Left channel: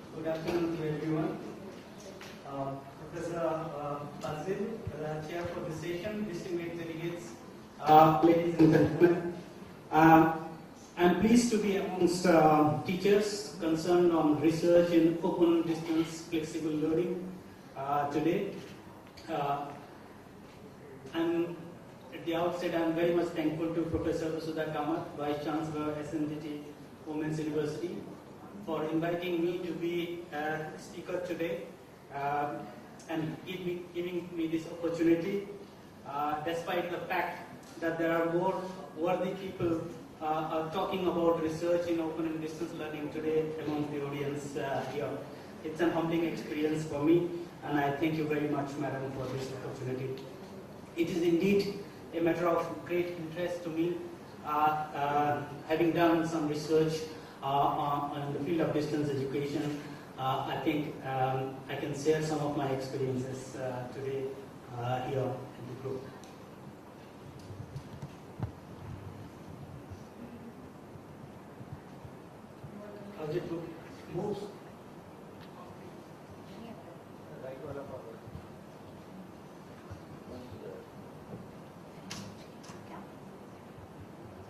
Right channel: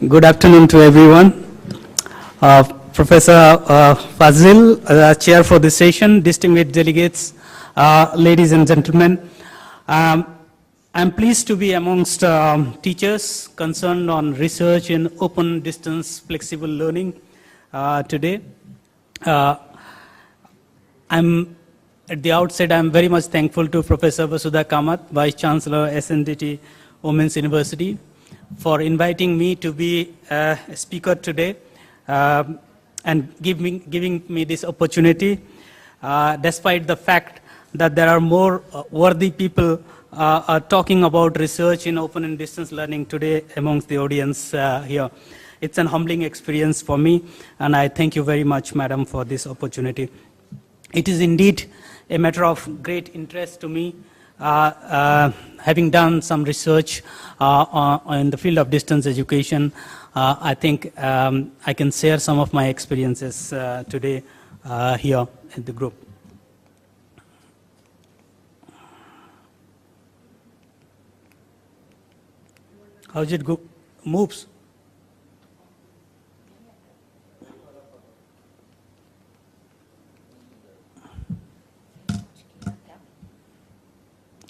Good afternoon to everyone. Professor Fazil, Chair for this session, distinguished delegates, ladies and gentlemen. I'm pleased to be amongst teachers concerned on research in open distance flexible learning today. At the outset, I'm very much thankful to Professor Vasudha Kamath, Vice Chancellor, SNDT Women's University, for inviting me to be a speaker today and giving me this opportunity, despite the fact that there are more worthy people talking about research in open and distance learning today amongst the audience here. It's an humbling experience for me, and I thank you very much, Madam, for this opportunity. It is indeed a matter of great interest to me, having done some research in the field of distance education. I think I can share some of my experiences today here in the group. How's it go? Moves?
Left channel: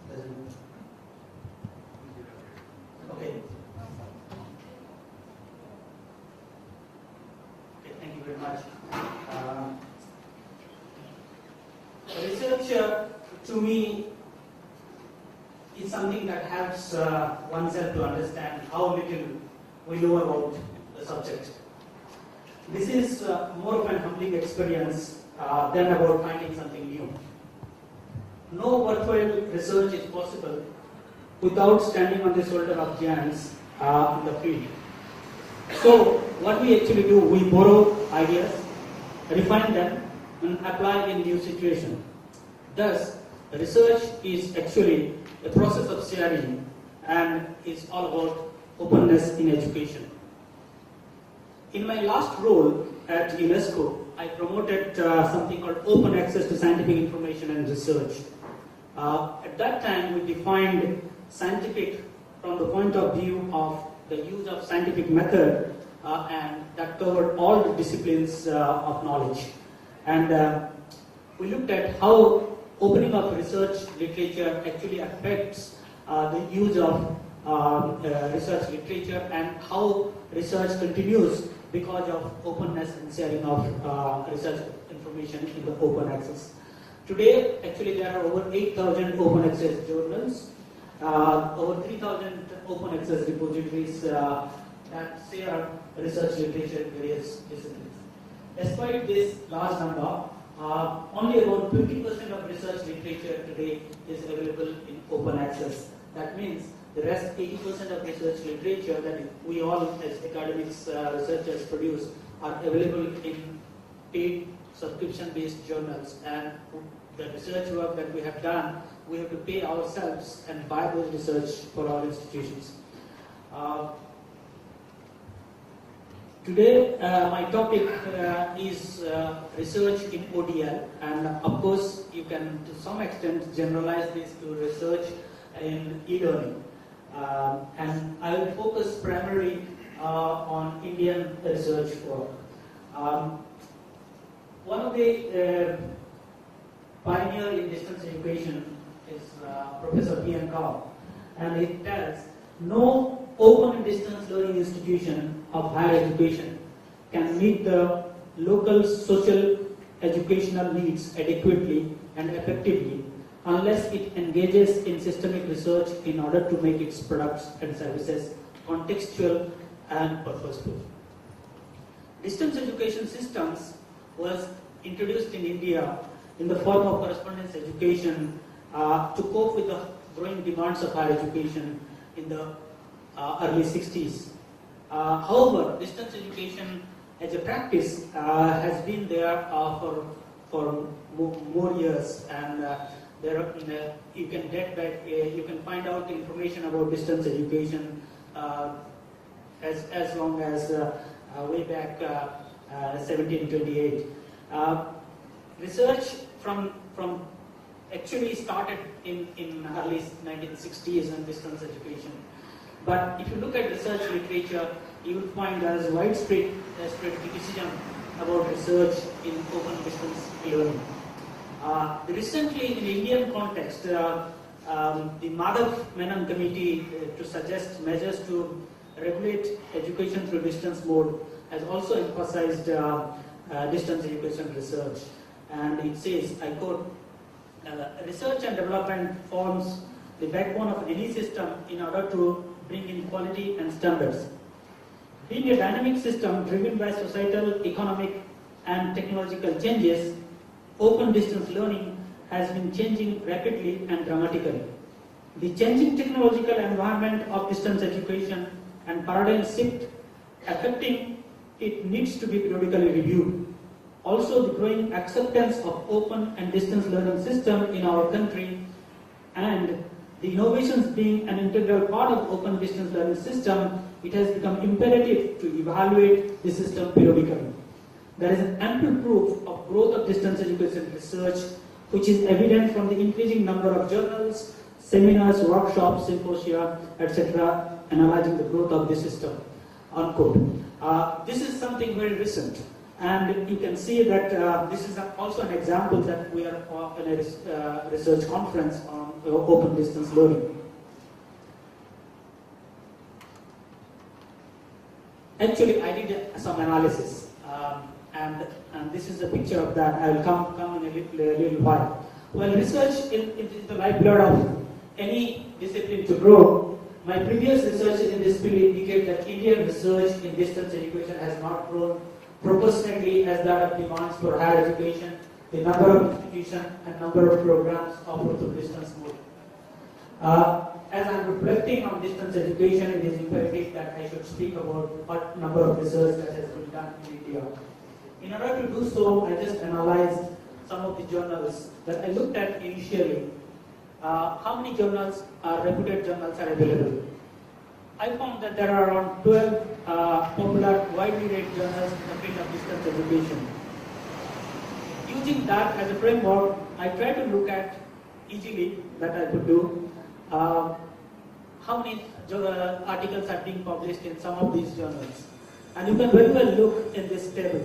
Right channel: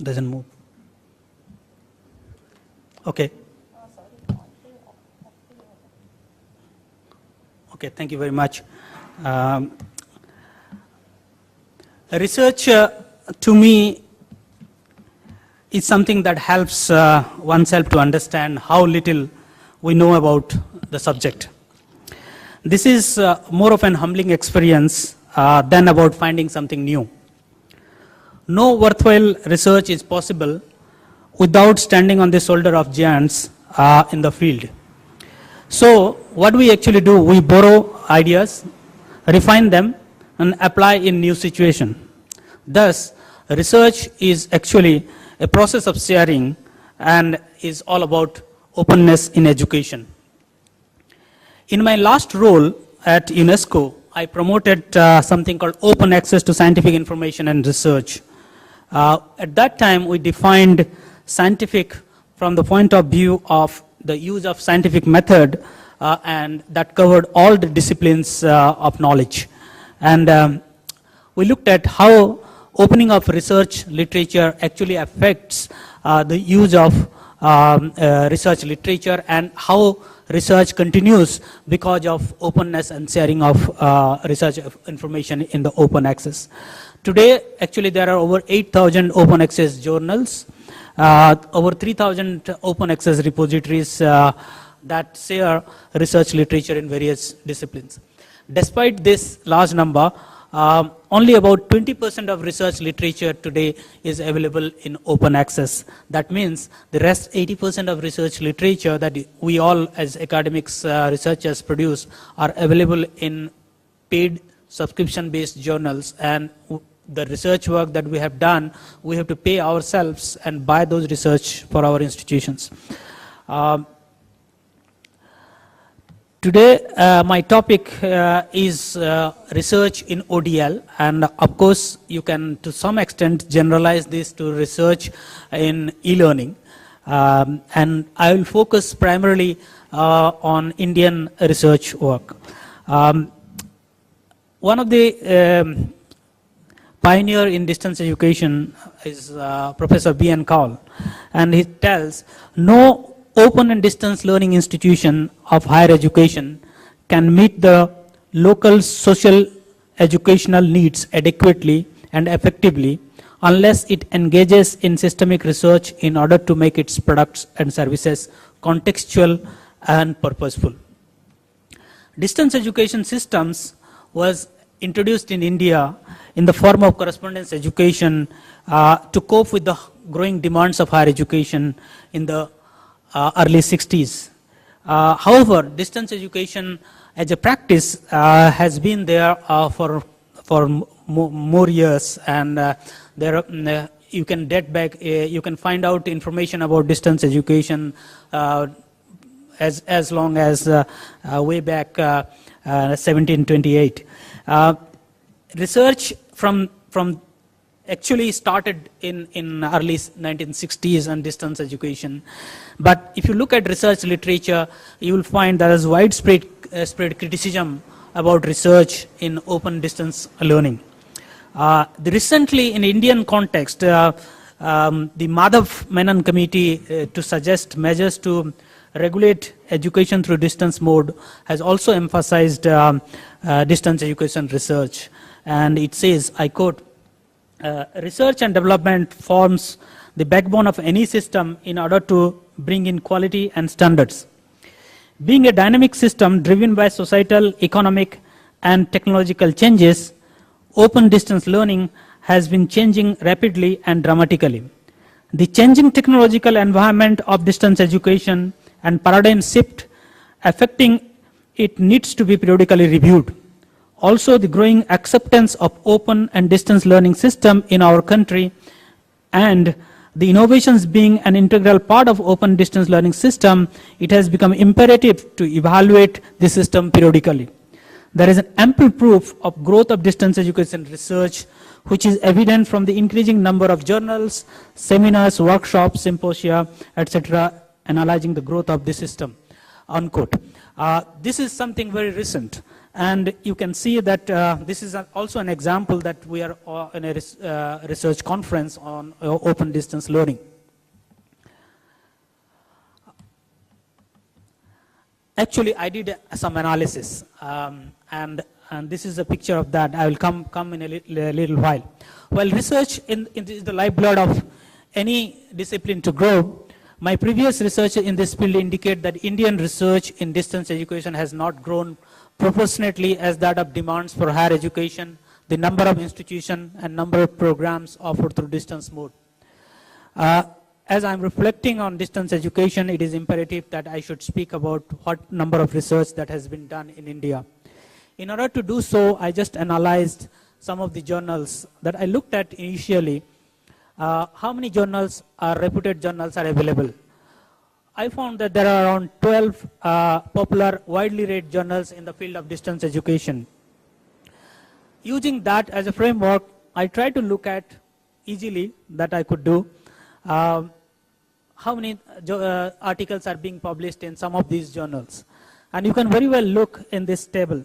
Doesn't move. Okay. Okay, thank you very much. Research to me is something that helps oneself to understand how little we know about the subject. This is more of an humbling experience than about finding something new. No worthwhile research is possible without standing on the shoulder of giants in the field. So what we actually do, we borrow ideas, refine them, and apply in new situation. Thus, research is actually a process of sharing and is all about openness in education. In my last role at UNESCO, I promoted something called open access to scientific information and research. At that time, we defined scientific from the point of view of the use of scientific method, and that covered all the disciplines of knowledge. And we looked at how opening of research literature actually affects the use of research literature and how research continues because of openness and sharing of research information in the open access. Today, actually, there are over 8,000 open access journals, over 3,000 open access repositories that share research literature in various disciplines. Despite this large number, only about 20% of research literature today is available in open access. That means the rest 80% of research literature that we all as academics, researchers produce are available in paid subscription-based journals, and the research work that we have done, we have to pay ourselves and buy those research for our institutions. Today, my topic is research in ODL, and of course, you can to some extent generalize this to research in e-learning. And I will focus primarily on Indian research work. One of the pioneer in distance education is Professor B.N. Kaul, and he tells, no open and distance learning institution of higher education can meet the local social educational needs adequately and effectively unless it engages in systemic research in order to make its products and services contextual and purposeful. Distance education systems was introduced in India in the form of correspondence education to cope with the growing demands of higher education in the early 60s. However, distance education as a practice has been there for more years, and you can date back, you can find out information about distance education as long as way back 1728. Research from actually started in early 1960s on distance education, But if you look at research literature, you will find there is widespread spread criticism about research in open distance learning. Recently, in Indian context, the Madhav Menon Committee to suggest measures to regulate education through distance mode has also emphasized distance education research. And it says, I quote, research and development forms the backbone of any system in order to bring in quality and standards. Being a dynamic system driven by societal, economic, and technological changes, open distance learning has been changing rapidly and dramatically. The changing technological environment of distance education and paradigm shift affecting it needs to be periodically reviewed. Also, the growing acceptance of open and distance learning system in our country and the innovations being an integral part of open distance learning system, it has become imperative to evaluate the system periodically. There is an ample proof of growth of distance education research, which is evident from the increasing number of journals, seminars, workshops, symposia, etc., analyzing the growth of the system, unquote. This is something very recent. And you can see that this is also an example that we are in a research conference on open distance learning. Actually, I did some analysis, and this is a picture of that. I will come in a little while. Well, research is the lifeblood of any discipline to grow. My previous research in this field indicate that Indian research in distance education has not grown proportionately as that of demands for higher education, the number of institutions and number of programs offered through distance mode. As I'm reflecting on distance education, it is imperative that I should speak about what number of research that has been done in India. In order to do so, I just analyzed some of the journals that I looked at initially. How many journals, reputed journals, are available? I found that there are around 12 popular, widely read journals in the field of distance education. Using that as a framework, I tried to look at easily that I could do how many articles are being published in some of these journals. And you can very well look in this table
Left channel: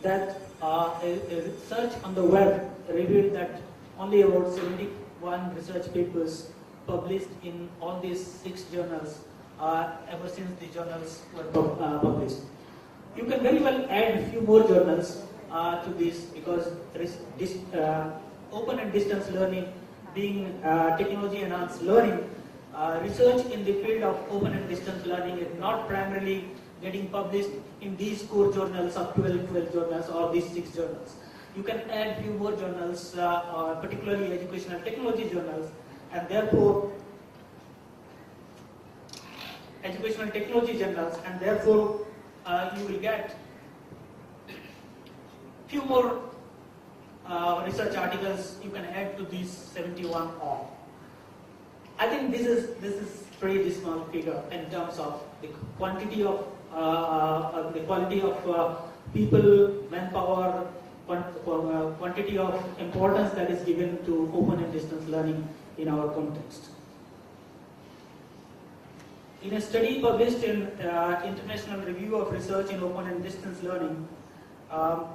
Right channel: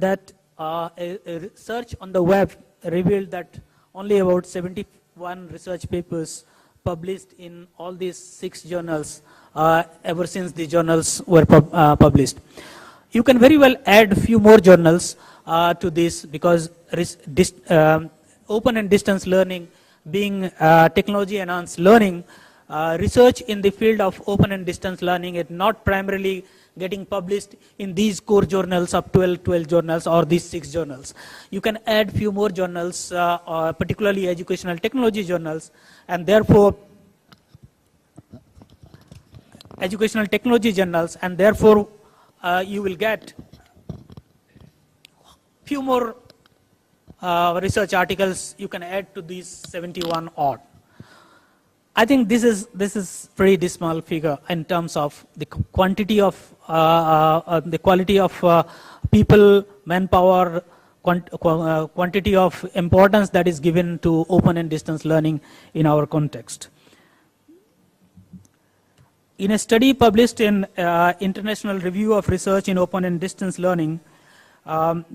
that a search on the web revealed that only about 71 research papers published in all these 6 journals ever since the journals were published. You can very well add a few more journals to this because open and distance learning being technology enhanced learning, research in the field of open and distance learning is not primarily getting published in these core journals of 12 journals or these 6 journals. You can add few more journals, particularly educational technology journals, and therefore educational technology journals, and therefore you will get few more research articles you can add to these 71 odd. I think this is pretty dismal figure in terms of the quantity of the quality of people, manpower, quantity of importance that is given to open and distance learning in our context. In a study published in International Review of Research in Open and Distance Learning,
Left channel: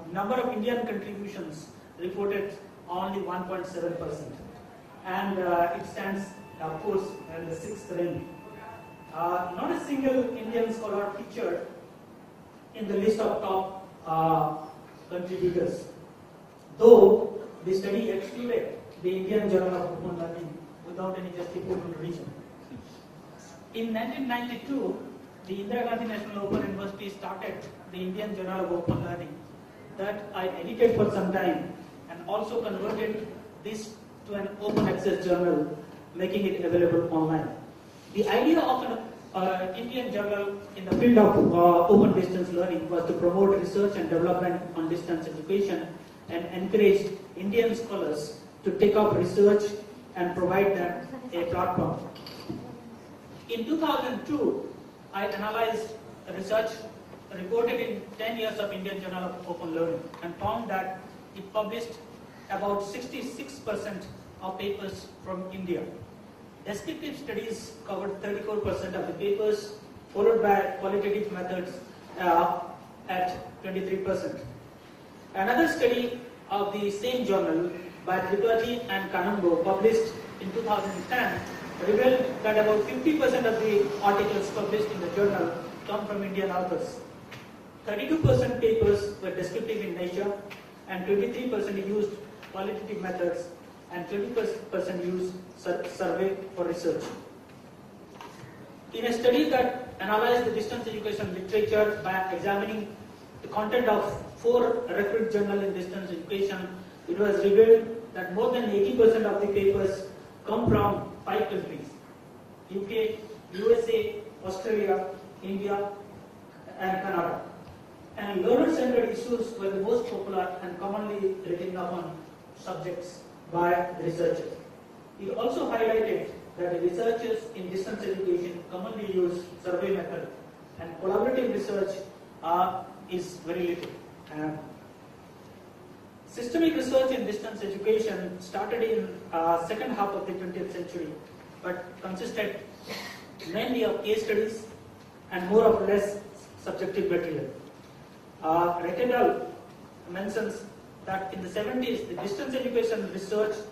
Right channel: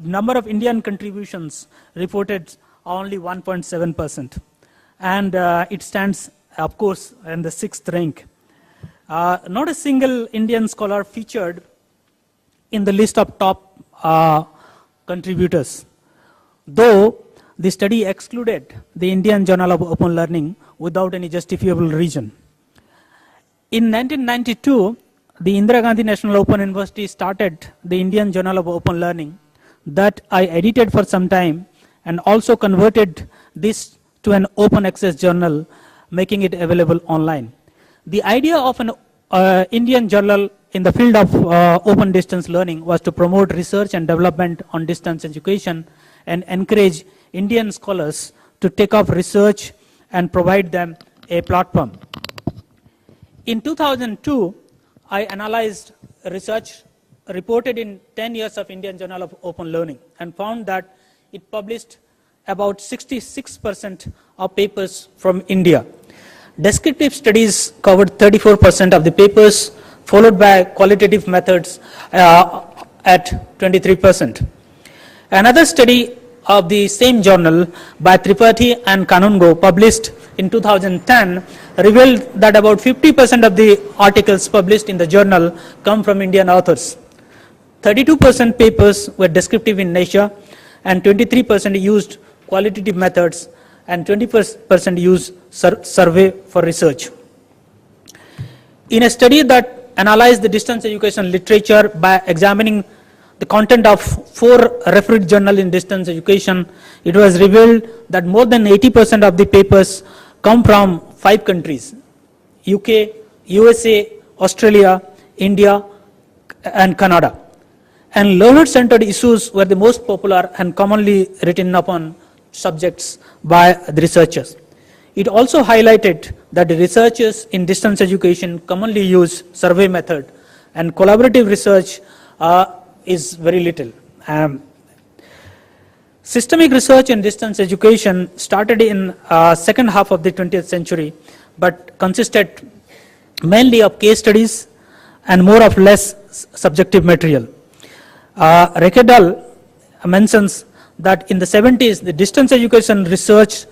number of Indian contributions reported only 1.7%, and it stands, of course, in the 6th rank. Not a single Indian scholar featured in the list of top contributors, though the study excluded the Indian Journal of Open Learning without any justifiable reason. In 1992, the Indira Gandhi National Open University started the Indian Journal of Open Learning that I edited for some time and also converted this to an open access journal, making it available online. The idea of an Indian journal in the field of open distance learning was to promote research and development on distance education and encourage Indian scholars to take up research and provide them a platform. In 2002, I analyzed research reported in 10 years of Indian Journal of Open Learning and found that it published about 66% of papers from India. Descriptive studies covered 34% of the papers, followed by qualitative methods at 23%. Another study of the same journal by Tripathi and Kanungo, published in 2010, revealed that about 50% of the articles published in the journal come from Indian authors. 32% papers were descriptive in nature, and 23% used qualitative methods, and 20% used survey for research. In a study that analyzed the distance education literature by examining the content of 4 referred journals in distance education, it was revealed that more than 80% of the papers come from 5 countries: UK, USA, Australia, India, and Canada. And learner-centered issues were the most popular and commonly written upon subjects by the researchers. It also highlighted that the researchers in distance education commonly use survey method, and collaborative research is very little. Systemic research in distance education started in second half of the 20th century, but consisted mainly of case studies and more or less subjective material. Rekedal mentions that in the 70s, the distance education research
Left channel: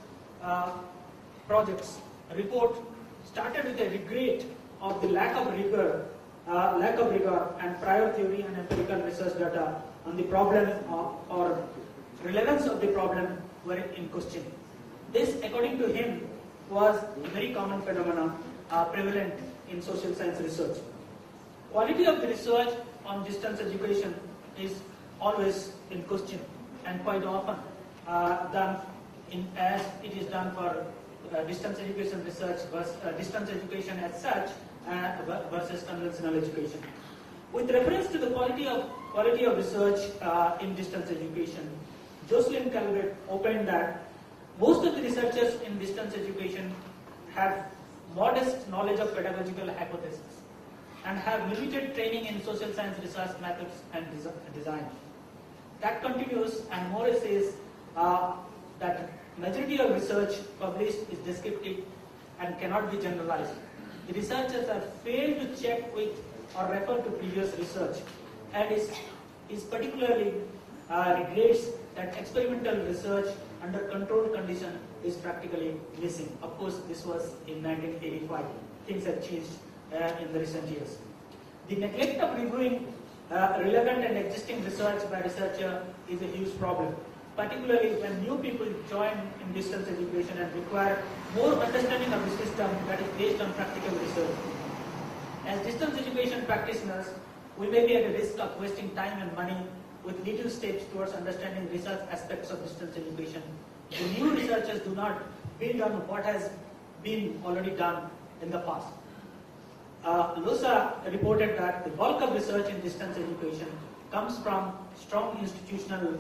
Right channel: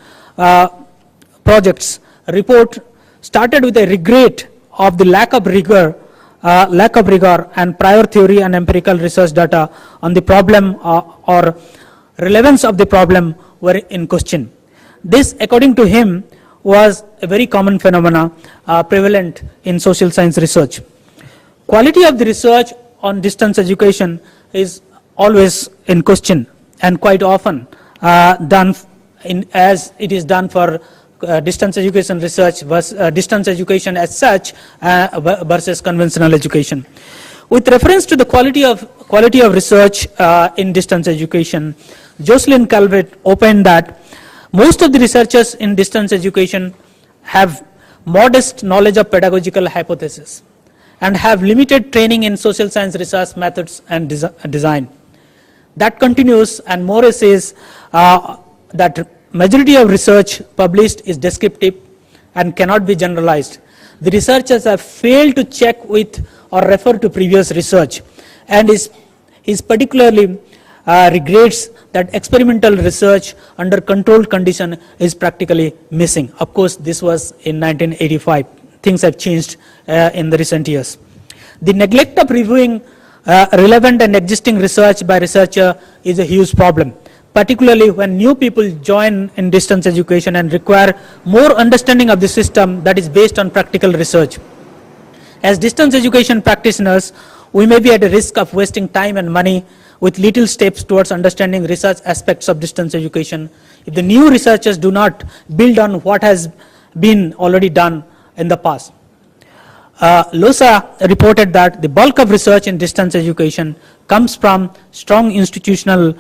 projects report started with a regret of the lack of rigor and prior theory and empirical research data on the problem or relevance of the problem were in question. This, according to him, was a very common phenomena prevalent in social science research. Quality of the research on distance education is always in question, and quite often done as it is done for distance education research versus distance education as such versus conventional education. With reference to the quality of research in distance education, Jocelyn Calvert opened that most of the researchers in distance education have modest knowledge of pedagogical hypotheses and have limited training in social science research methods and design. That continues, and Moore says that majority of research published is descriptive and cannot be generalized. The researchers have failed to check with or refer to previous research, and is particularly regrets that experimental research under controlled condition is practically missing. Of course, this was in 1985. Things have changed in the recent years. The neglect of reviewing relevant and existing research by researcher is a huge problem, particularly when new people join in distance education and require more understanding of the system that is based on practical research. As distance education practitioners, we may be at a risk of wasting time and money with little steps towards understanding research aspects of distance education if the new researchers do not build on what has been already done in the past. Losa reported that the bulk of research in distance education comes from strong institution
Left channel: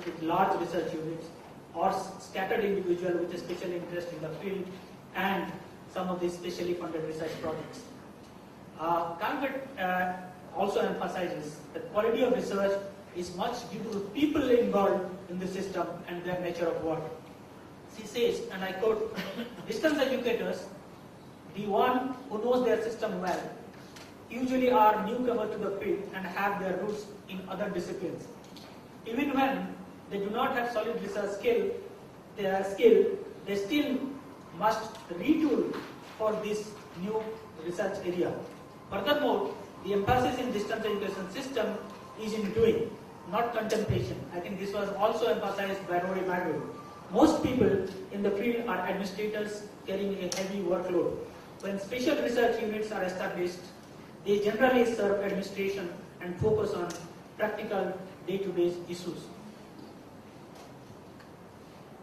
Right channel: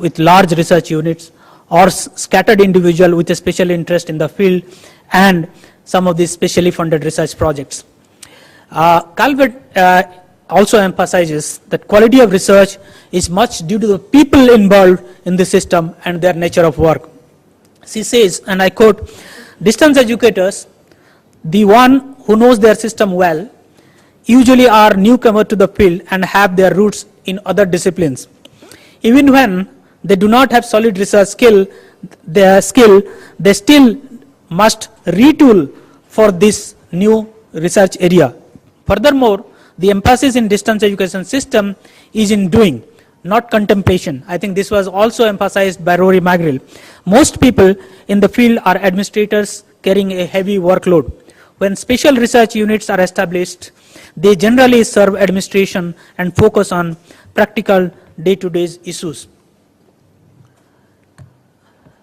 with large research units, or scattered individual with a special interest in the field, and some of these specially funded research projects. Calvert also emphasizes that quality of research is much due to the people involved in the system and their nature of work. She says, and I quote, "Distance educators, the one who knows their system well, usually are newcomer to the field and have their roots in other disciplines. Even when they do not have solid research skill, they still must retool for this new research area. Furthermore, the emphasis in distance education system is in doing, not contemplation." I think this was also emphasized by Rory Magrill. Most people in the field are administrators carrying a heavy workload. When special research units are established, they generally serve administration and focus on practical day-to-day issues.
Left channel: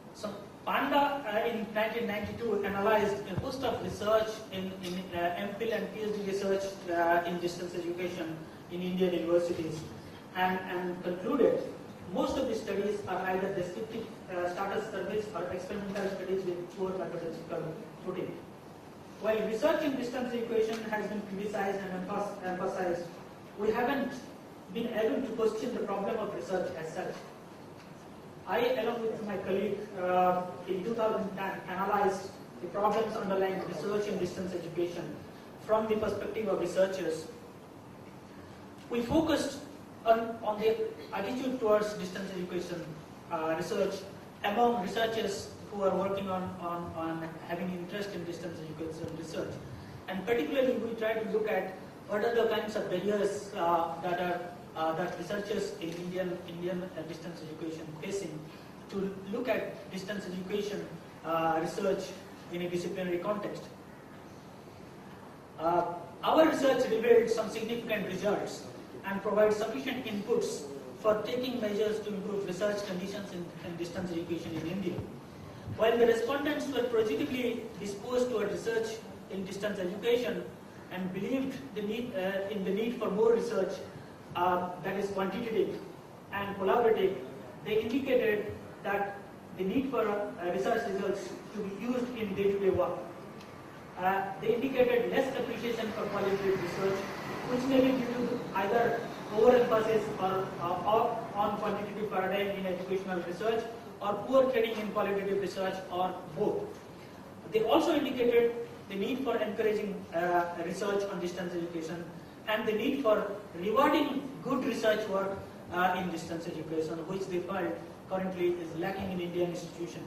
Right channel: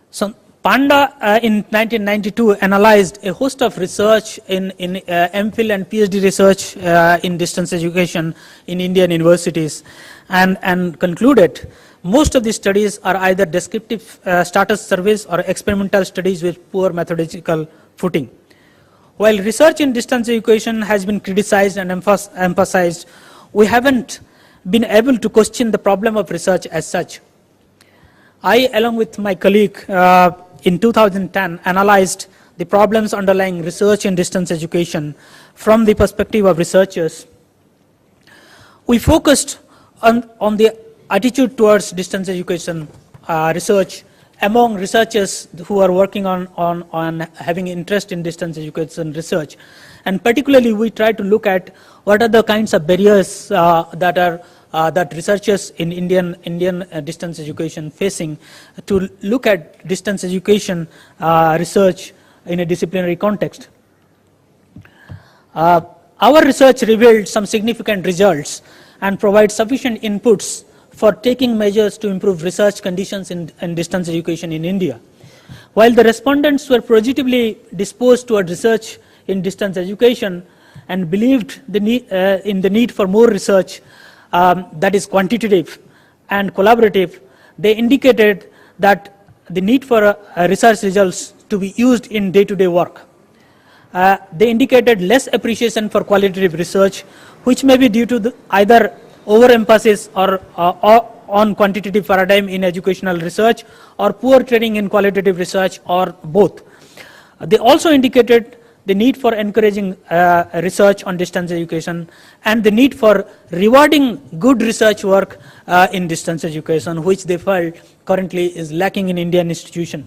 So Panda in 1992 analyzed a host of research in MPhil and PhD research in distance education in Indian universities, and concluded most of the studies are either descriptive status surveys or experimental studies with poor methodological footing. While research in distance education has been criticized and emphasized, we haven't been able to question the problem of research as such. I, along with my colleague in 2010, analyzed the problems underlying research in distance education from the perspective of researchers, we focused on the attitude towards distance education research among researchers who are working on having interest in distance education research. And particularly, we try to look at what are the kinds of barriers that researchers in Indian distance education facing to look at distance education research in a disciplinary context. Our research revealed some significant results and provides sufficient inputs for taking measures to improve research conditions in distance education in India. While the respondents were positively disposed toward research in distance education and believed in the need for more research that is quantitative and collaborative, they indicated that the need for research results to be used in day-to-day work. They indicated less appreciation for qualitative research, which may be due to either overemphasis or on quantitative paradigm in educational research, or poor training in qualitative research, or both. They also indicated the need for encouraging research on distance education and the need for rewarding good research work in distance education, which they felt currently is lacking in Indian institution.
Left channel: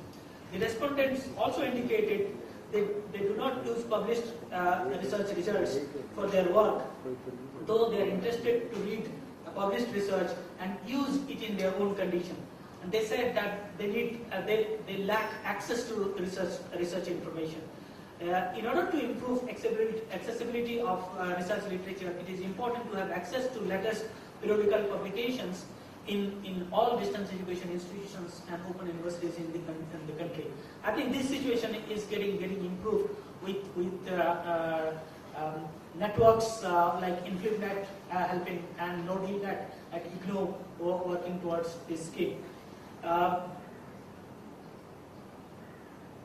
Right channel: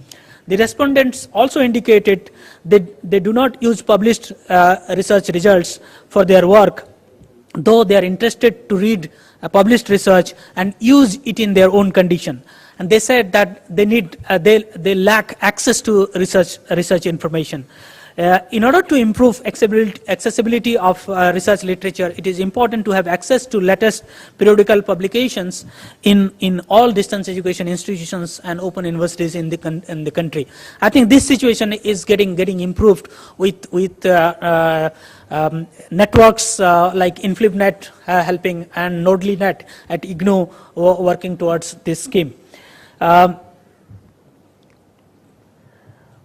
The respondents also indicated that they do not use published research results for their work, though they are interested to read published research and use it in their own condition. And they said that they lack access to research information. In order to improve accessibility of research literature, it is important to have access to latest periodical publications in all distance education institutions and open universities in the country. I think this situation is getting improved with networks like InflipNet helping and NodelyNet at IGNOU working towards this scheme.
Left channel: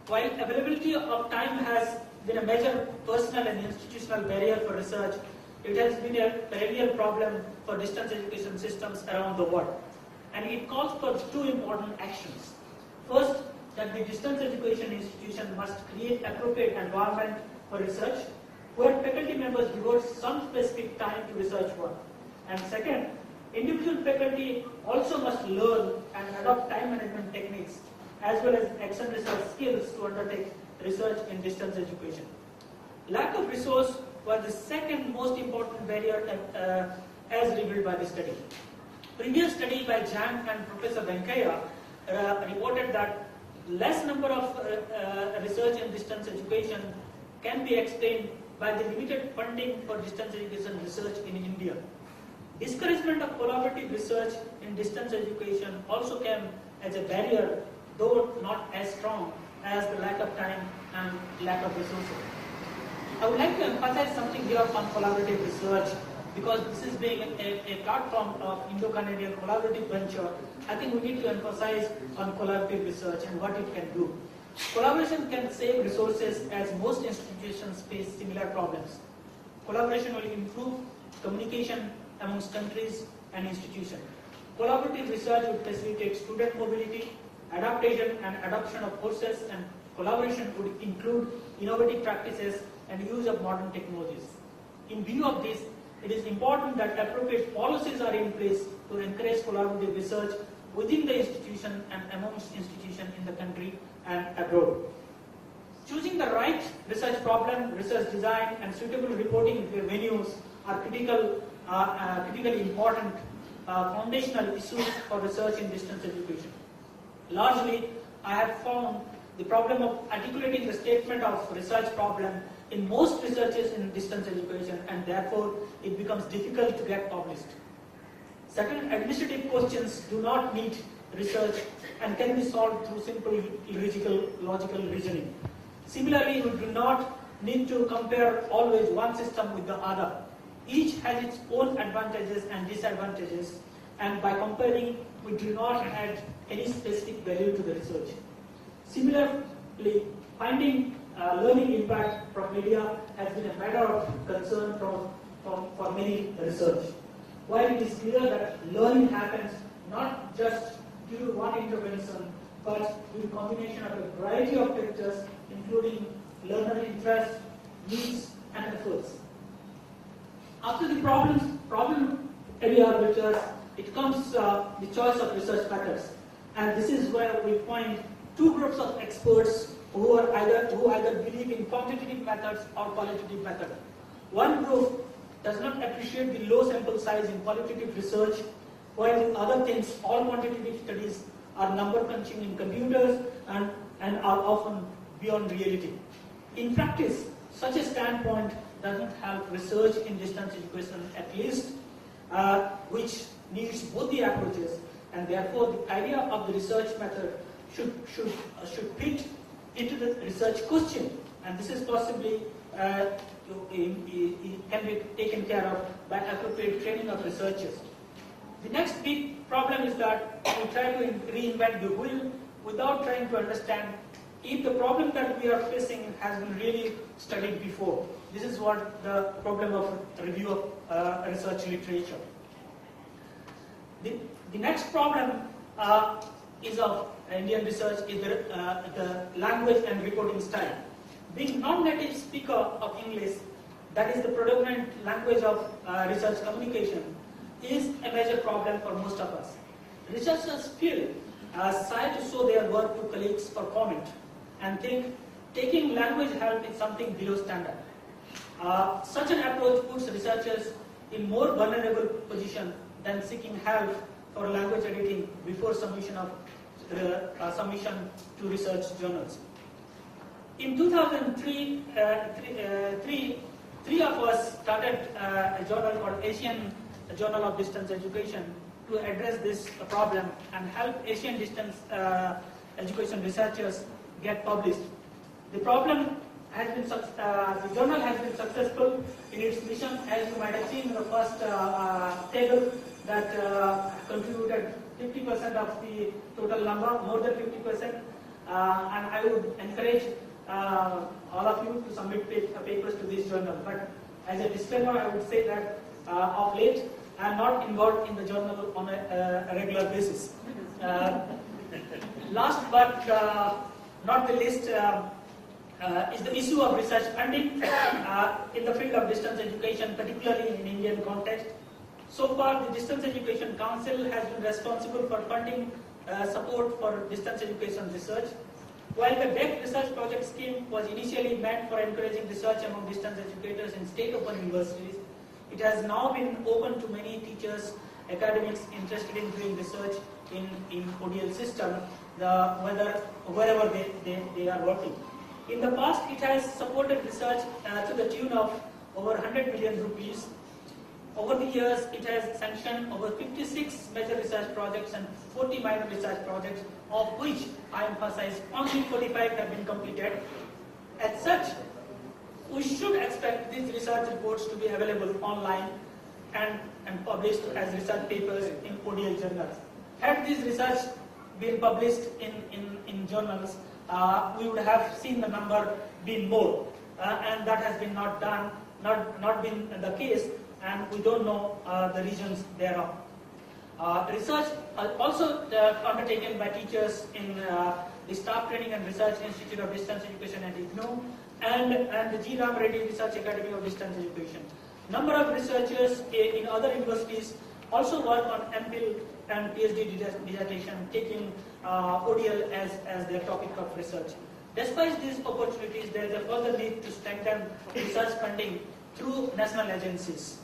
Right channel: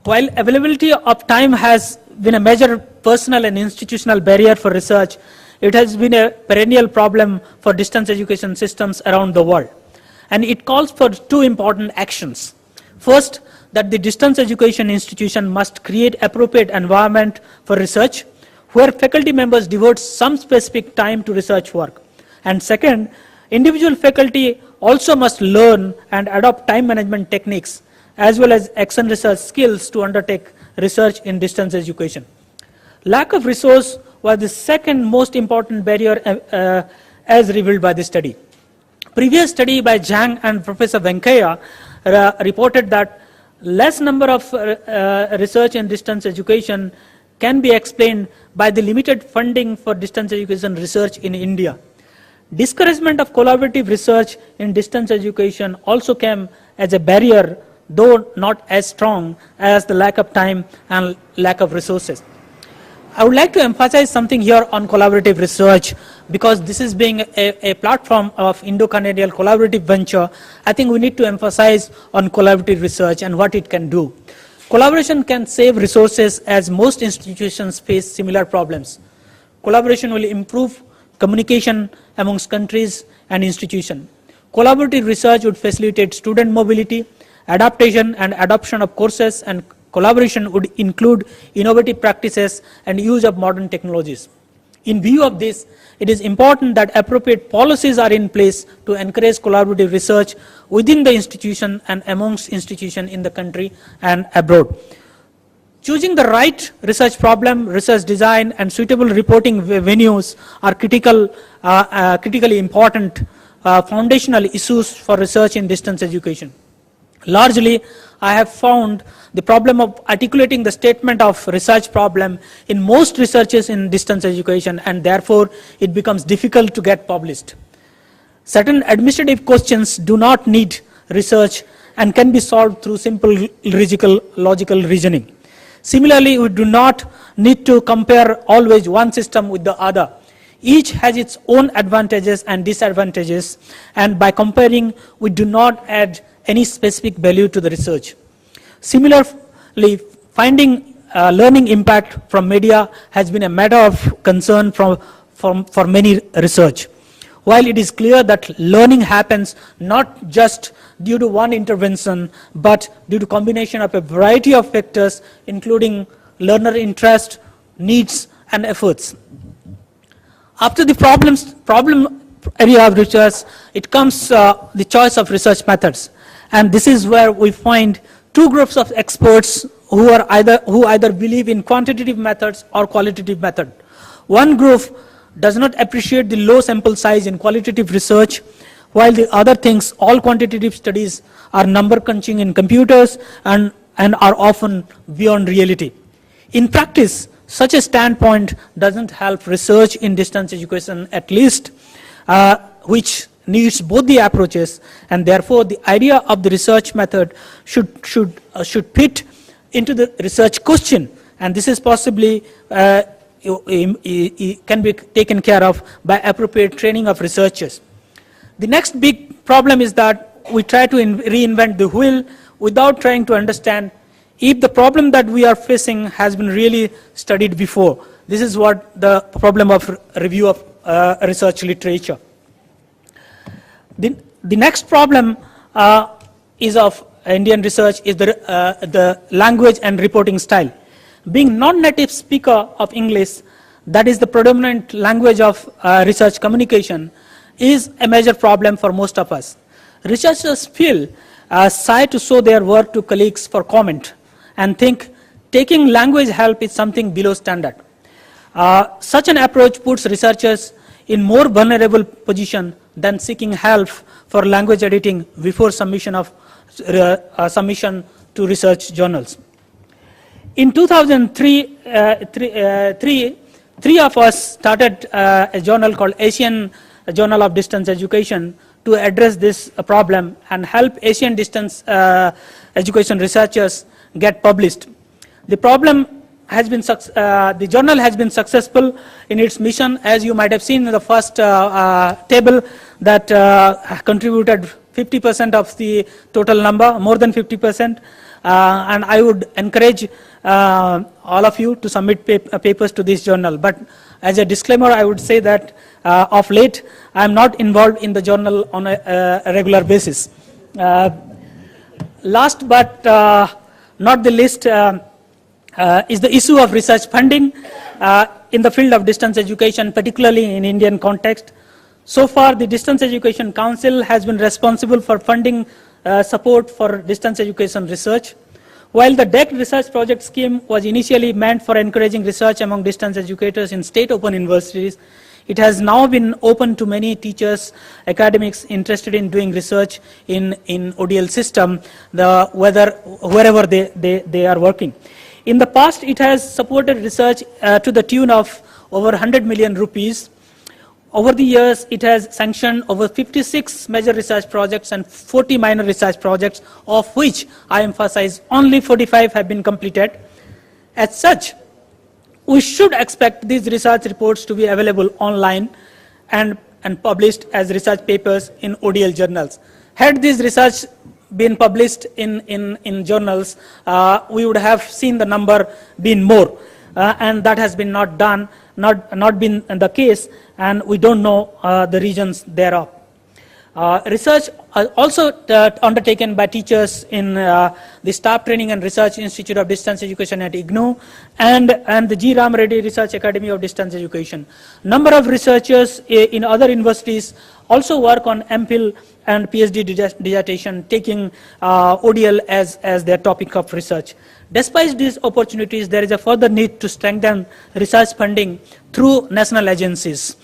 While availability of time has been a major personal and institutional barrier for research, it has been a perennial problem for distance education systems around the world. And it calls for two important actions. First, that the distance education institution must create appropriate environment for research, where faculty members devote some specific time to research work. And second, individual faculty also must learn and adopt time management techniques as well as action research skills to undertake research in distance education. Lack of resource was the second most important barrier as revealed by the study. Previous study by Zhang and Professor Venkaya reported that less number of research in distance education can be explained by the limited funding for distance education research in India. Discouragement of collaborative research in distance education also came as a barrier, though not as strong as the lack of time and lack of resources. I would like to emphasize something here on collaborative research, because this is being a platform of Indo-Canadian collaborative venture. I think we need to emphasize on collaborative research and what it can do. Collaboration can save resources as most institutions face similar problems. Collaboration will improve communication amongst countries and institutions. Collaborative research would facilitate student mobility, adaptation and adoption of courses, and collaboration would include innovative practices and use of modern technologies. In view of this, it is important that appropriate policies are in place to encourage collaborative research within the institution and amongst institutions in the country and abroad. Choosing the right research problem, research design, and suitable reporting venues are critically important foundational issues for research in distance education. Largely, I have found the problem of articulating the statement of research problem in most researches in distance education, and therefore it becomes difficult to get published. Certain administrative questions do not need research and can be solved through simple logical reasoning. Similarly, we do not need to compare always one system with the other. Each has its own advantages and disadvantages, and by comparing, we do not add any specific value to the research. Similarly, finding learning impact from media has been a matter of concern for many research. While it is clear that learning happens not just due to one intervention, but due to combination of a variety of factors, including learner interest, needs, and efforts. After the problem area of research, it comes the choice of research methods. And this is where we find two groups of experts who either believe in quantitative methods or qualitative method. One group does not appreciate the low sample size in qualitative research, while the other thinks all quantitative studies are number crunching in computers and are often beyond reality. In practice, such a standpoint doesn't help research in distance education, at least, which needs both the approaches, and therefore the idea of the research method should fit into the research question, and this is possibly can be taken care of by appropriate training of researchers. The next big problem is that we try to reinvent the wheel without trying to understand if the problem that we are facing has been really studied before. This is what the problem of review of research literature. The next problem is of Indian research is the language and reporting style. Being non-native speaker of English, that is the predominant language of research communication, is a major problem for most of us. Researchers feel shy to show their work to colleagues for comment and think taking language help is something below standard. Such an approach puts researchers in more vulnerable position than seeking help for language editing before submission to research journals. In 2003, three of us started a journal called Asian Journal of Distance Education to address this problem and help Asian distance education researchers get published. The journal has been successful in its mission, as you might have seen in the first table, that contributed 50% of the total number, more than 50%. And I would encourage all of you to submit papers to this journal. But as a disclaimer, I would say that of late, I am not involved in the journal on a regular basis. Last but not the least is the issue of research funding in the field of distance education, particularly in Indian context. So far, the Distance Education Council has been responsible for funding support for distance education research. While the DEC research project scheme was initially meant for encouraging research among distance educators in state open universities, it has now been open to many teachers, academics interested in doing research in ODL system, wherever they are working. In the past, it has supported research to the tune of over 100 million rupees. Over the years, it has sanctioned over 56 major research projects and 40 minor research projects, of which I emphasize only 45 have been completed. As such, we should expect these research reports to be available online and published as research papers in ODL journals. Had this research been published in journals, we would have seen the number being more, and that has been not done, not been the case, and we don't know the reasons thereof. Research also undertaken by teachers in the Staff Training and Research Institute of Distance Education at IGNOU and the G. Ram Reddy Research Academy of Distance Education. Number of researchers in other universities also work on MPhil and PhD dissertation, taking ODL as their topic of research. Despite these opportunities, there is a further need to strengthen research funding through national agencies.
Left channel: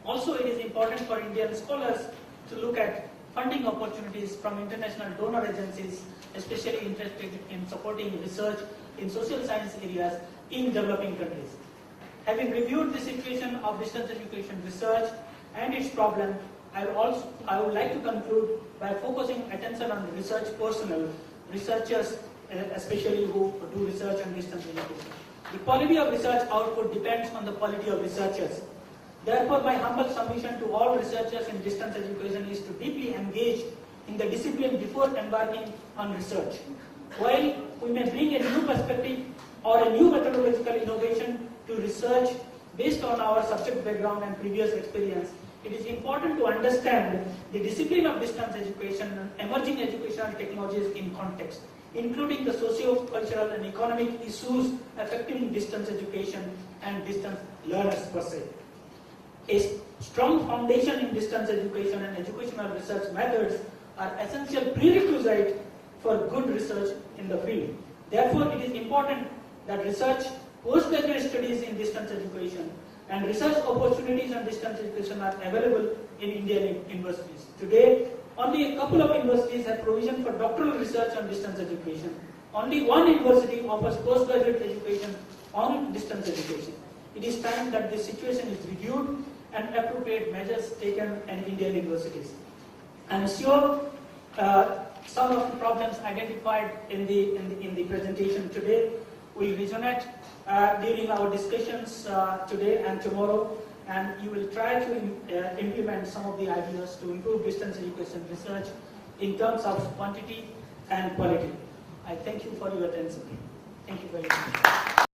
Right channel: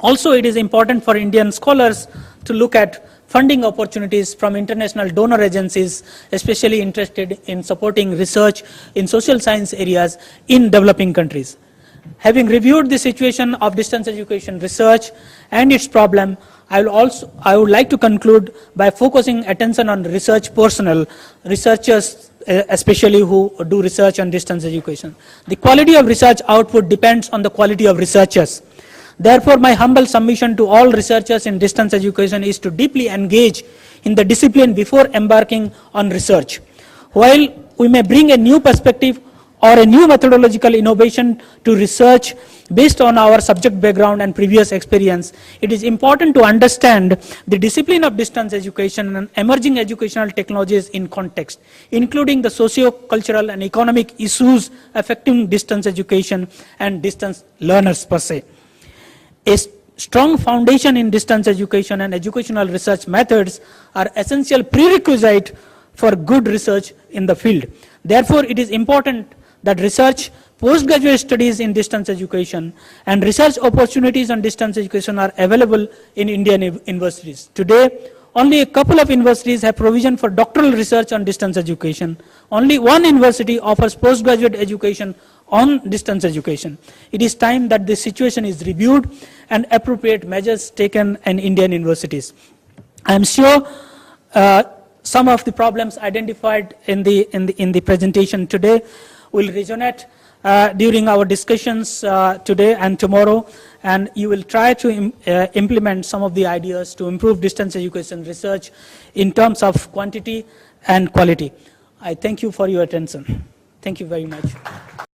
Also, it is important for Indian scholars to look at funding opportunities from international donor agencies, especially interested in supporting research in social science areas in developing countries. Having reviewed the situation of distance education research and its problem, I would like to conclude by focusing attention on research personnel, researchers especially who do research on distance education. The quality of research output depends on the quality of researchers. Therefore, my humble submission to all researchers in distance education is to deeply engage in the discipline before embarking on research. While we may bring a new perspective or a new methodological innovation to research, based on our subject background and previous experience, it is important to understand the discipline of distance education and emerging educational technologies in context, including the socio-cultural and economic issues affecting distance education and distance learners per se. A strong foundation in distance education and educational research methods are essential prerequisite for good research in the field. Therefore, it is important that research, postgraduate studies in distance education, and research opportunities on distance education are available in Indian universities. Today, only a couple of universities have provision for doctoral research on distance education. Only one university offers postgraduate education on distance education. It is time that this situation is reviewed and appropriate measures taken in Indian universities. I am sure some of the problems identified in the presentation today will resonate during our discussions today and tomorrow, and you will try to implement some of the ideas to improve distance education research in terms of quantity and quality. I thank you for your attention. Thank you very much.